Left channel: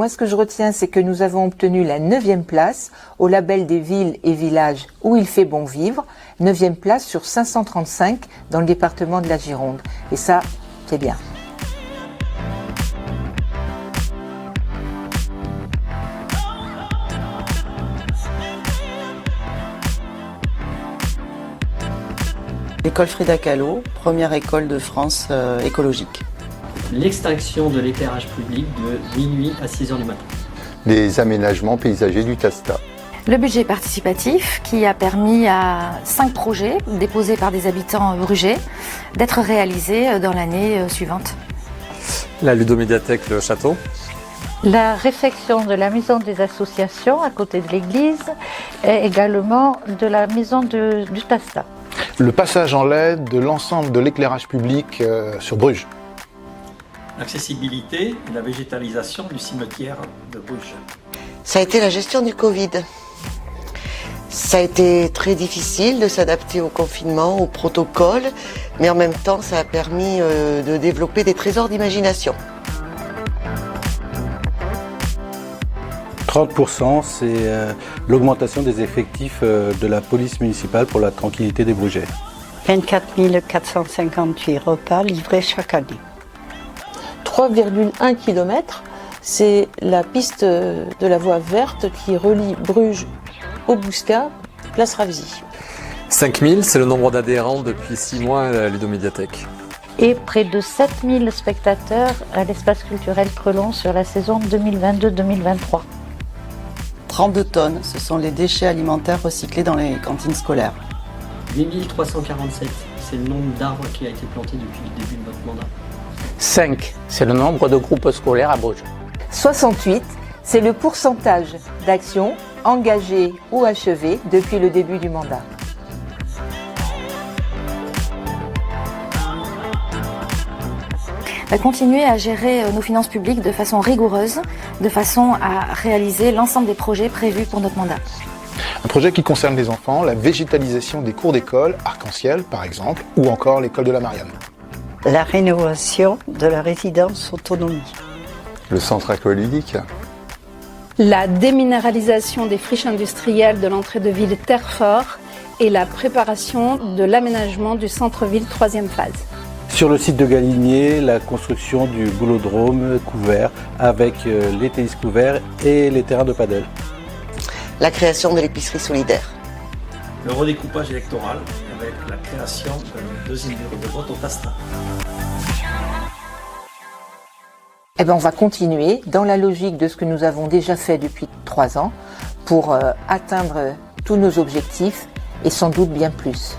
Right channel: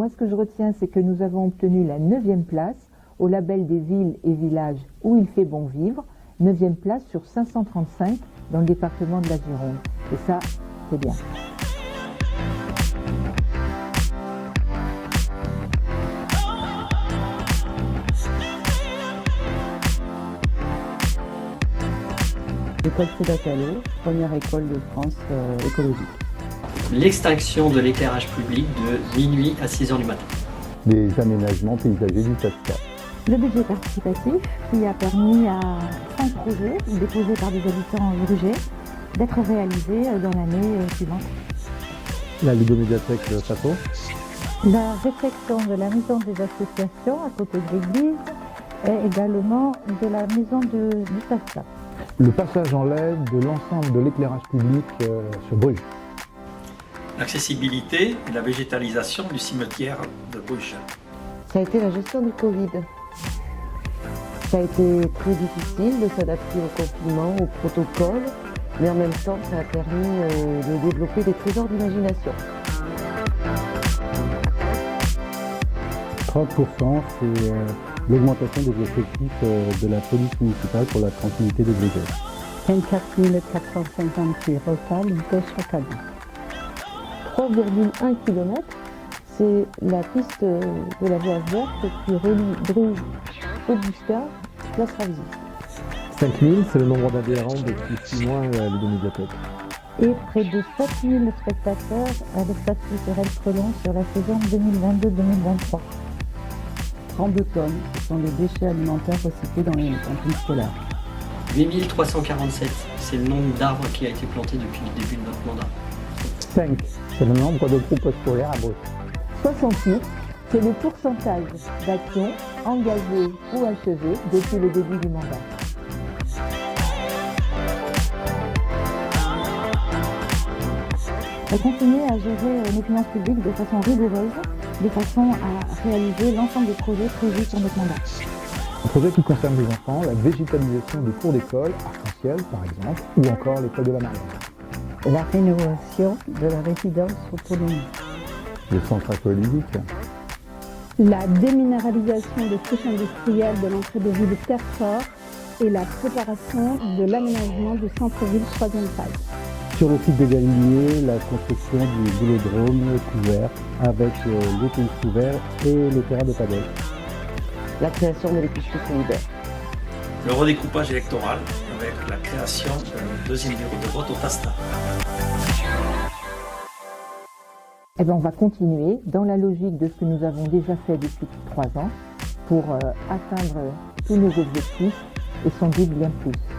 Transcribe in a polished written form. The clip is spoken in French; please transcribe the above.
moi ce que je retiens, c'est que nous avons obtenu la 9e place au label des villes et villages où il fait bon vivre, 9e place sur 535 dans le département de la Gironde. Et ça, c'est bien. L'école Frida Kahlo, première école de France écologique. L'extinction de l'éclairage public de minuit à 6 h du matin. Les aménagements paysagers du Tasta. Le budget participatif qui a permis à 5 projets déposés par des habitants brugais d'être réalisés dans l'année suivante. La ludomédiathèque Le Château. La réfection de la maison des associations à côté de l'église et également de la maison du Tasta. Le passage en LED de l'ensemble de l'éclairage public sur Bruges. L'accessibilité et la végétalisation du cimetière de Bruges. Ça a été la gestion du Covid. Ça a été très difficile de s'adapter au confinement, au protocole, mais en même temps, ça a permis de développer des trésors d'imagination. 30%, c'est l'augmentation des effectifs de la police municipale pour la tranquillité des Brugais. 24 458 repas livrés chaque année. 3,1 km, c'est la piste de la voie verte qui relie Bruges au Bouscat, place Ravzy. 5000, c'est le nombre d'adhérents depuis 6 mois à la ludomédiathèque. Et près de 7000 spectateurs à l'espace culturel Crelon sur la saison 2022-2023. 32 tonnes, ce sont les déchets alimentaires recyclés dans les cantines scolaires. 8347, c'est le nombre d'arbres qui a été planté depuis le début de notre mandat. 5, c'est le nombre de groupes scolaires à Bruges. 68, c'est le pourcentage d'actions engagées ou achevées depuis le début du mandat. Continuer à gérer nos finances publiques de façon rigoureuse, de façon à réaliser l'ensemble des projets prévus pour notre mandat. Un projet qui concerne les enfants, la végétalisation des cours d'école, Arc-en-Ciel par exemple, ou encore l'école de la Marianne. La rénovation de la résidence autonomie. Le centre aqualudique. La déminéralisation des friches industrielles de l'entrée de ville Terrefort et la préparation de l'aménagement du centre-ville 3e phase. Sur le site de Galinier, la construction du boulodrome couvert avec les tennis couverts et les terrains de padel. La création de l'épicerie solidaire. Le redécoupage électoral avec la création d'un 2e bureau de vote au Tasta. Eh bien, on va continuer dans la logique de ce que nous avons déjà fait depuis 3 ans pour atteindre tous nos objectifs et sans doute bien plus.